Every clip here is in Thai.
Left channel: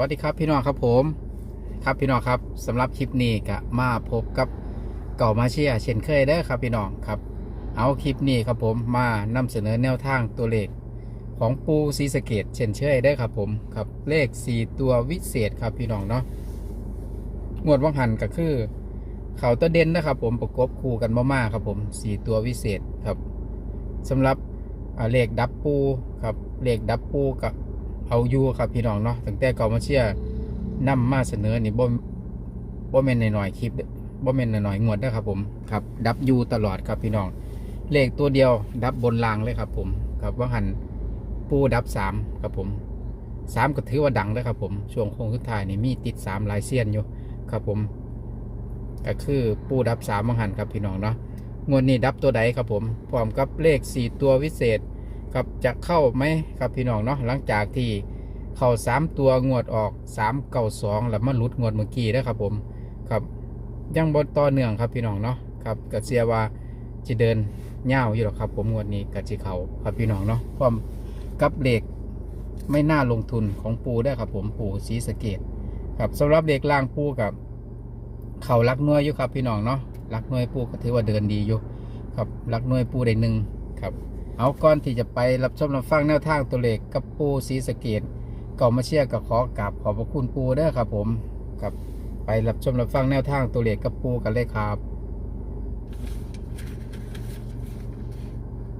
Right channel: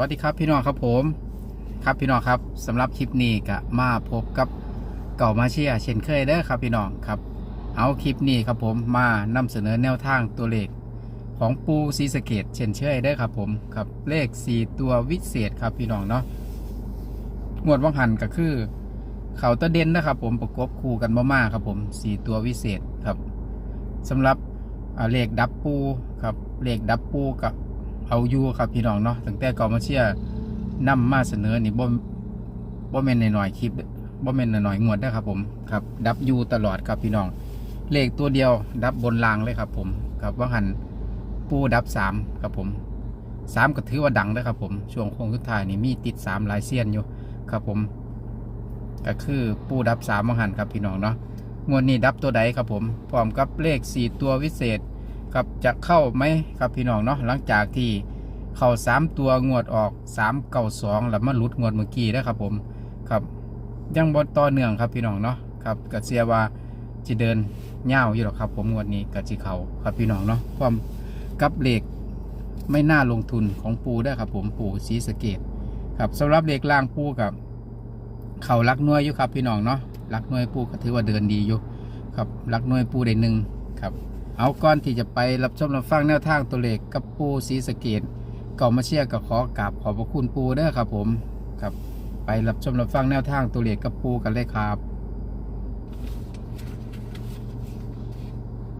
วัสดีครับพี่น้องครับผม ครับพี่น้องครับสำหรับคลิปนี้ก็มาพบกับเก่ามาเชียเช่นเคยเด้อครับพี่น้องครับ เอาคลิปนี้ครับผมมานำเสนอแนวทางตัวเลขของปูซีสเกตเช่นเคยเด้อครับผมครับเลข 4 ตัววิเศษครับพี่น้องเนาะงวดวังหันก็คือ เขาตะเด่นนะครับผมประกบคู่กันมากๆครับผม 4 ตัววิเศษครับสำหรับเลขดับปูครับเลขดับปูกับ เอาอยู่ครับพี่น้องเนาะตั้งแต่ก่ามาเชียร์นำมาเสนอนี่บ่บ่แม่นหน่อยๆคลิปบ่แม่นหน่อยๆงวดนะครับผมครับ ดับยูตลอดครับพี่น้อง เลขตัวเดียว ดับบนรางเลยครับ ผมครับว่างหันปูดับสามครับผมสามก็ถือว่าดังเลยครับผมช่วงโค้งสุดท้ายนี่มีติดสามลายเซียนอยู่ครับผมก็คือปูดับสามว่างหันครับพี่น้องเนาะงวดนี้ดับตัวใดครับผมพร้อมกับเลขสี่ตัววิเศษ ครับจะเข้าไหมครับพี่น้องเนาะหลังจากที่เข้าสามตัวงวดออกสามเก้าสองแล้วมาหลุดงวดเมื่อกี้นะครับผมครับยังบนต่อเนื่องครับพี่น้องเนาะครับก็เสียว่าจะเดินเง่าวอยู่หรอกครับ ผมงวดนี้กับจีเขาครับพี่น้องเนาะความกับเหล็กไม่น่าลงทุนของปูได้ครับ ผมปูสีสะเกตครับสำหรับเหล็กล่างปูกับเขารักน่วยอยู่ครับพี่น้องเนาะรักน่วยปูก็ถือว่าเดินดีอยู่ครับรักน่วยปูได้หนึ่งครับ เอาก่อนที่จะไปรับชมรับฟังแนวทางตัวเลขกับปูสีสะเกตก่อมาเชียร์กับขอกราบขอบพระคุณปูเด้อครับผมครับไปรับชมรับฟังแนวทางตัวเลขกับปูกันเลยครับ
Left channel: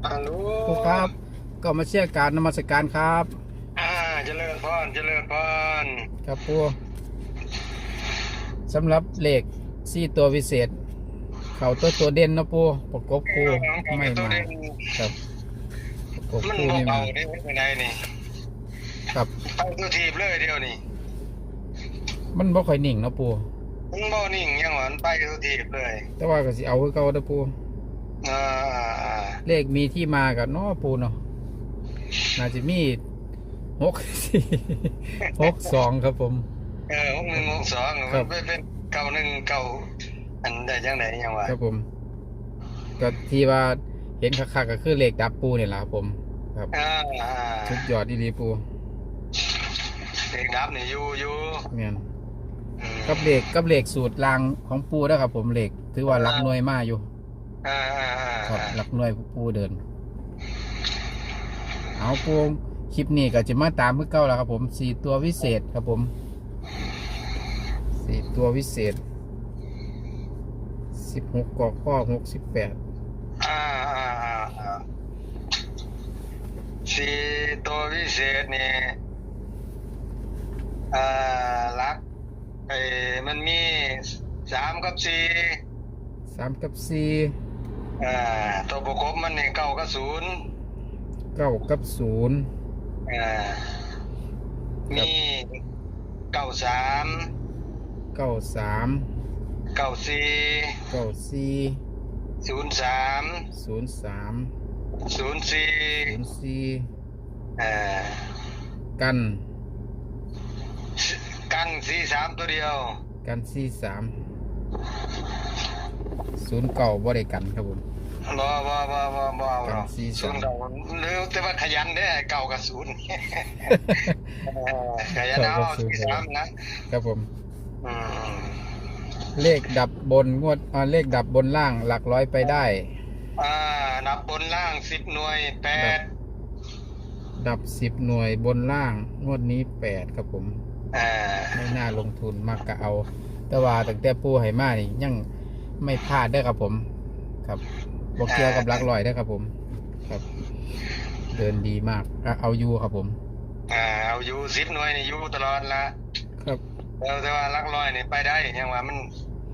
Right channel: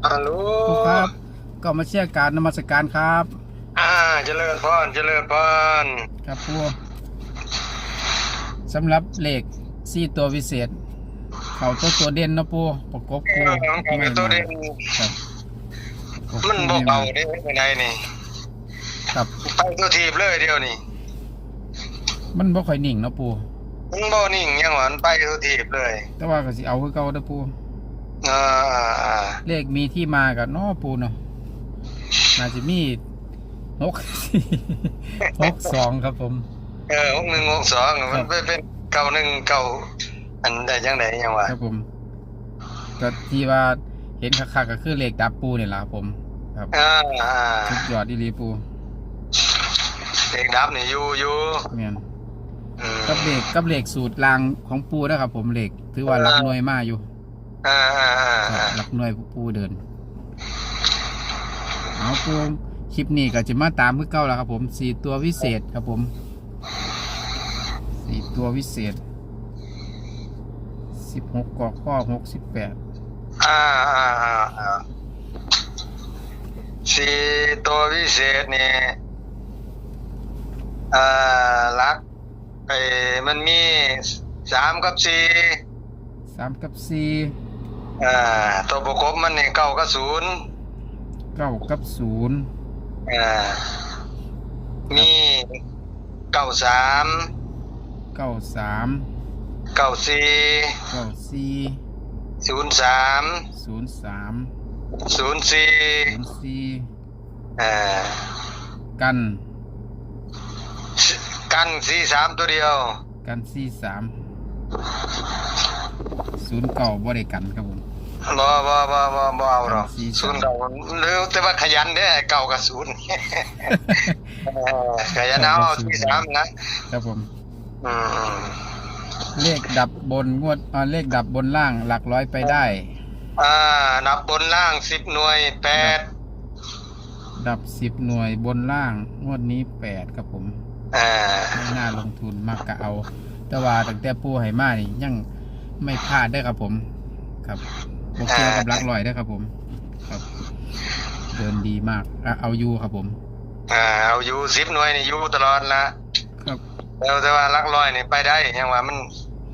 ฮัลโหลปูครับก็มาเชียร์การนมัสการครับ อ่าเจริญพรเจริญพรครับปูสำหรับเลขสี่ตัววิเศษ เขาตัวตัวเด่นเนาะปูประกบปูเออของไม่ตัวมาเด่นครับประ กบมันปูบ่ไม่มาเบาเด้ไม่ได้นี่ครับไปตัวทีบเลยเดียวนี่มันบ่ค่อยนิ่งเนาะปูมึงบ่นิ่งยังหวานไปตัวทีบเลย แต่ว่าก็สิเอาคือเก่าเด้อปูอ่าอ่าเลขมีที่มากับเนาะปูเนาะน่าจะมีหกหกสองครับผม เออหกหนึ่งหกสองครัมับนเป็นเก้าหนึ่งเก้าอันใดจังไดยังวะครับผมก็ที่ว่าเห็นคักๆก็คือเลขดับปูนี่แหละครับผม ครับอ่าอ่าสุดยอดอีหลีปูเด็กดับนี่อยู่อยู่แม่นอืมกับเลขกับเลขสูตรรางของปูนะครับ ผมเลขถือว่าหลักหน่วยมากอยู่อ่าอ่าอ่าครับอ่าหลักหน่วยปูเดิน เอาปูคลิปนี้ก็จะมาตามเพื่อเก้าแล้วครับ ผมสี่ตัววิเศษครับผมสี่ตัววิเศษสิบหกกอข้อหกสิบแปด อ่าอ่าอ่าอ่า สี่ตัววิเศษนี่อ่าลักไอ้มันมีสามกับสี่สามกับสี่อ่าตัวประกบมันนี่เก้ากับศูนย์เก้ากับศูนย์อ่ามีเก้าสามเก้าสามเก้าสี่เก้าสี่ศูนย์สามศูนย์สาม ศูนย์สี่ศูนย์สี่อ่ากันกันสี่สามตัวเดียว กันสี่สามศูนย์เก่าบ่ได้กันครับผมบ่บ่บ่บ่บ่เอาหรอกสี่สามศูนย์เก่าหรือแต่ว่าขยันเด้อเก่ากับศูนย์เออขยันเอาสี่สามนะครับผมอืมเลขดับบนงวดอ่าเลขดับบนล่างหลักร้อยไปได้ อ่านับบนล่างสิบหน่วยแปดดับสิบหน่วยบนล่าง งวดนี้แปดครับผม อ่าไม่น่าลงทุนมากกะเอา แต่ว่าตั้งแต่ปูไหมานี่ยังไม่พลาดได้อครับผม ครับบกเกี่ยวกับหลักร้อยได้อครับผม ครับ เดินดีมากอะเอาอยู่ครับผม อ่าเอาอยู่สิบหน่วยนี่อยู่ตลอดละครับแล้วแต่ว่าหลักร้อยนี่ไปได้ยังว่ามัน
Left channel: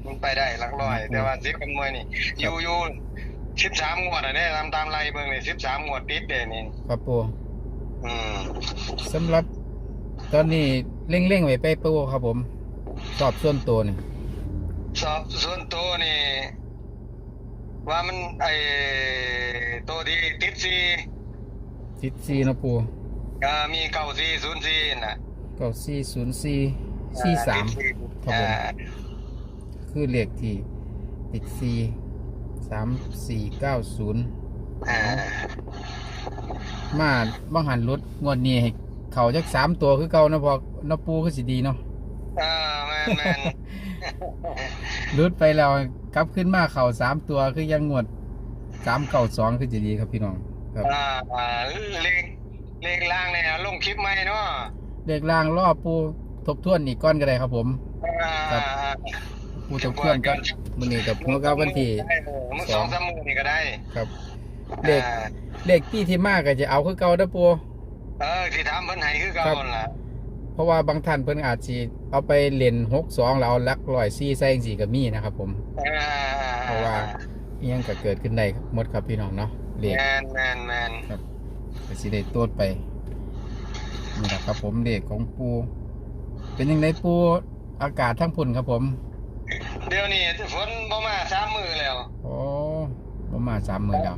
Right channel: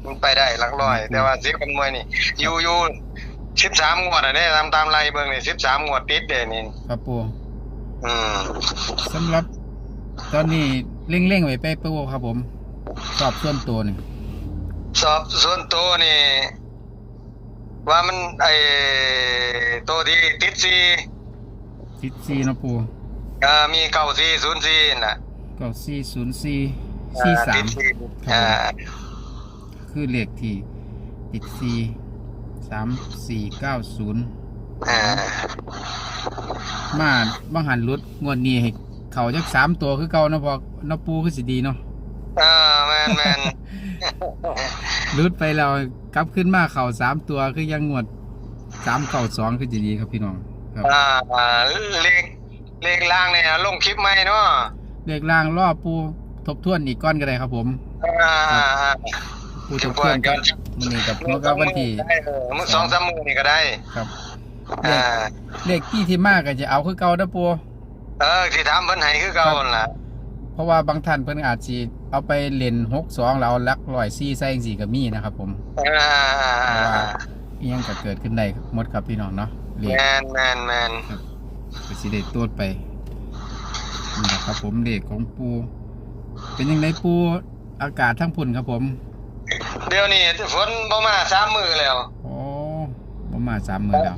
มันไปได้หลักร้อยอืมแต่ว่าสิบกับหน่วยนี่อยู่อยู่ สิบสามงวดอะเนี่ยตามตามไล่เบิ่งนี่สิบสามงวดติดเด้นี่ครับปูอืมสำหรับ ตอนนี้เร่งๆไว้ไปปูครับผม สอบส่วนตัวนี่สอบส่วนตัวนี่ ว่ามันไอตัวที่ติดซีติดซีนาะปูอ่ามีเก้าซีศูนย์ซีน่ะก็ซีศูนย์ซีซีสามติดครับผม อ่า คือเลขที่ติดซี สามสี่เก้าศูนย์อ่ามาบังหันรุดงวดนี้ให้เขาจักสามตัวคือเก่านะพอนะปูคือสิดีเนาะเออแม่นแม่นรุดไปแล้วกลับขึ้นมาเขาสามตัวคือยังงวดสามเก่าสองคือสิดีครับพี่น้องครับอ่าอ่าเลขเลขล่างเนี่ยลงคลิปใหม่เนาะเลขล่างรอบปูทบทวนอีกก้อนก็ได้ครับผมอ่า อ่าอ่าปูทบทวนก็มื้อนี้กับหัวก็วันที่เออมื้อสองสามมื้อนี่ก็ได้ครับเลขอ่าเลขที่ที่มากก็จะเอาคือเก่าเด้อปูเออที่ถามเพิ่นให้คือเก่านั่นล่ะเพราะว่าบางท่านเพิ่นอาจสิเอาไปเล่น62แล้วเอาหลักร้อยซี่ใส่จังซี่ก็มีนะครับผมอ่าเพราะว่าอิหยังก็เกิดขึ้นได้หมดครับพี่น้องเนาะเลข แมนแมนแมนก็สิได้ตรวจไปนี่แหละครับผมเลขของปูเป็นยังไงปูอากาศทั้งพุ่นครับผม เดี๋ยวนี้ฝนบ่มาสามมื้อแล้วโอ้บ่มาสามมื้อแล้ว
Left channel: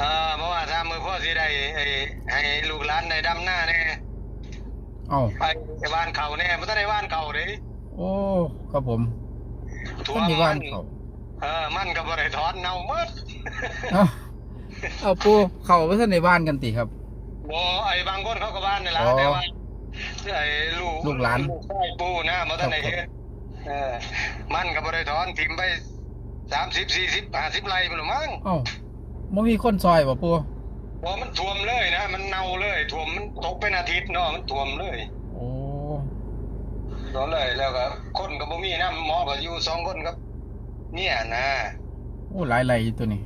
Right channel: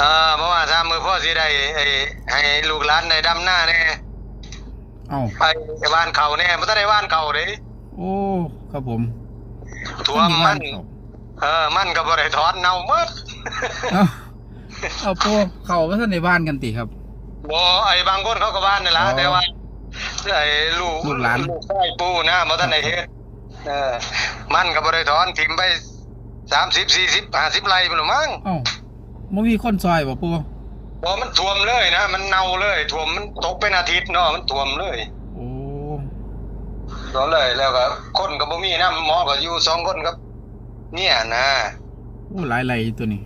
อ่าบ่มาสามมื้อพ่อสิได้ไอ้ให้ลูกหลานได้ดำหน้าแน่เอ้าไปบ้านเขาแน่บ่ทันได้บ้านเขาเด้โอ้ครับผมท่วคนมอยู่มับ้านนเขาเออมันก็บ่ได้ถอนเน่าหมดเอ้าเอาปูเขาไปท่านในบ้านกันติครับบ่ไอ้บางคนเขาก็บ้านนี่ล่ะอ๋อแต่ว่าไอ้ลูกลูกหลานลูกชายปู่นะบ่ทันได้เฮ็ด เออมันก็บ่ได้ถอนทิ่มไป30 40 50ไร่พุ่นละมั้งเอ้าบ่มีคนซอยบ่ปูบ่มันท่วมเลยนะมันเน่าเลยท่วมมันตกเป็นอาทิตย์เนาะมันท่วมเลยโอ้ท่วมเลยแล้วก็คนก็บ่มีน้ำหมอก็อยู่สองคนครับ เนี่ยนะโอ้หลายไรตัวนี้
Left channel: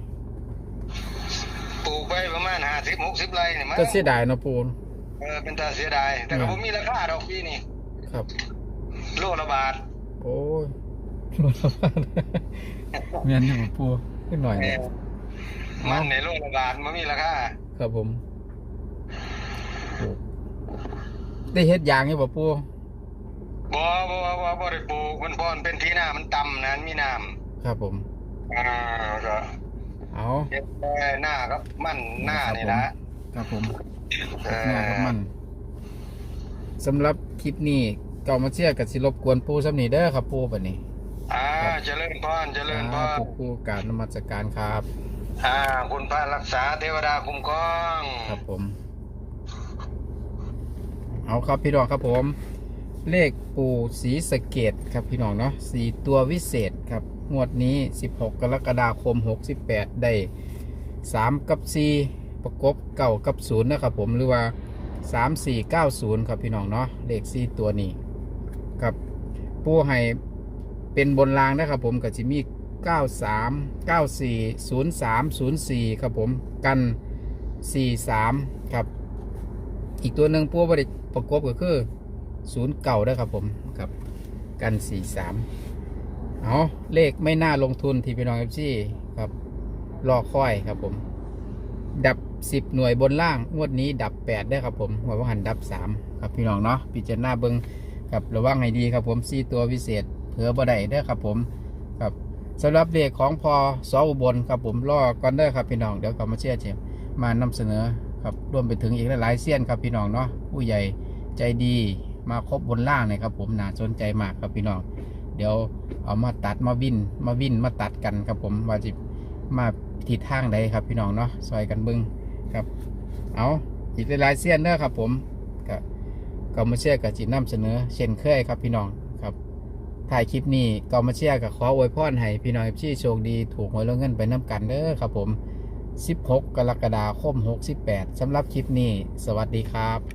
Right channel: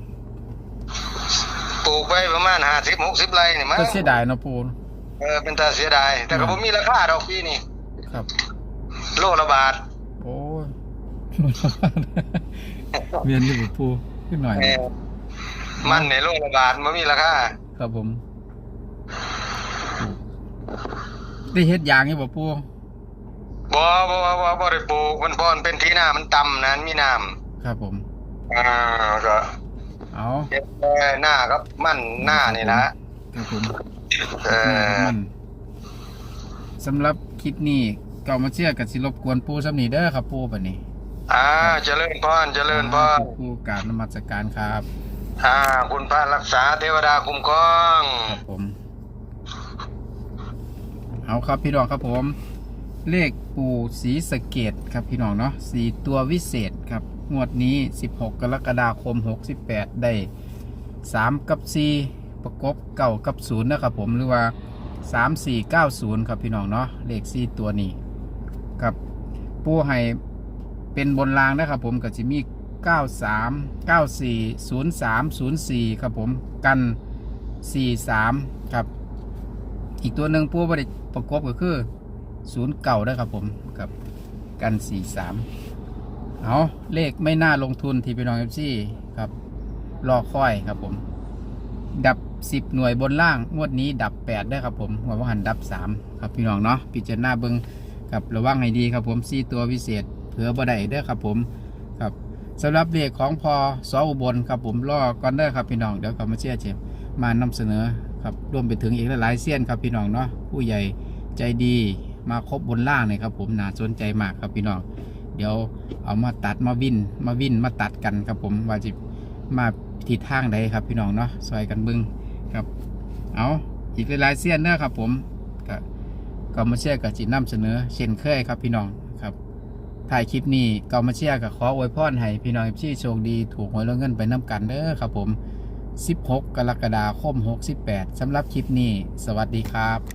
ปลูกไปประมาณ50 60ไร่นี่มั้งก็เสียดายเนาะปูเออเป็นตาเสียดายแต่ก็บ่มีราคาดอกปีนี้ครับ โลละบาทโอ้ย เมียนอยู่บ่ปูขึ้นหน่อยเอนะอมันในโลละบาทบ่มีราคาครับผม ได้เฮ็ดยางอยู่บ่ปูบ่บ่บ่บ่บ่ได้ปลูกมันบ่อนเป็นที่หน้ามันต่ำนะมีน้ำครับผมอ่าก็เอาเฮ็ดแต่หน้าครับมันหน้านี่นะครับผมเอหน้าครับอมันสำหรับคลิปนี้เก่ามาเชื่อกับสิรบกวนปูสำนีเด้อครับปูบัดนี้ อ่าเจริญพรเจริญพรปูกราบนมัสการครับอ่าคุณพระรักษาเทวดาคุ้มครอง ครับผม เอาครับพี่น้องครับผม เลขปูสีสะเกตครับพี่น้องเนาะสีตัววิเศษครับ งวดนี้ 16 กรกฎาคม 68 ได้ 3 กับ 4 ประกบเก่ากับ0นะครับผมหรือว่า 3 4 9 0 ครับพี่น้องเนาะเลข 4 ตัวนี้ ครับ ปูให้ เป็นบนรางนะครับผมกับจิมี93 94 03 04 ครับผมกัน 43 ครับ อีกตัวหนึ่งปูบริประกบก็คือ0เก่าได้ครับผมครับกัน 43 เอาเลขไม่น่าลงทุนที่พี่น้องเอฟซีครับรอค่อยครับผม ดับ 10 หน่วยบนล่าง งวดนี้ดับ 8 ได้ครับผมหัวว่าหันดับ 3 ครับพี่น้องเนาะพิจารณาเบิงครับระวังให้ดีครับผมซีตัวพิเศษ เผื่อบ่ได้เด้อครับผมครับสำหรับเลขของพอสออุบลครับผมรอก่อนเด้อครับพี่น้องเดี๋ยวกลับมาเชื่อเชียมานำเสนอครับรวมไปถึงอีกหลายๆเสี้ยนครับพี่น้องเนาะผู้ใหญ่ใจดีมาครบบนล่างเนี่ยครับผมน่าสนใจมากครับพี่น้องเดี๋ยวเอามาตัดมาวินมาวินมาตัดกันครับผมว่าจะมาทิศทางใดครับพี่น้องเนาะซอยกันบึงครับเอาอีกหลายๆเสี้ยนเด้อครับผมก็ก็มาเชื่อกับจิตนำเสนอเช่นเคยครับพี่น้อง ถ่ายคลิปนี้ก็มาเชื่อกับขออวยพรให้พี่น้องที่โชคดีถูกหวยรางวัลเงินไปน้ำกันเด้อครับผม 16 กรกฎาคม 68สำหรับคลิปนี้ สวัสดีครับ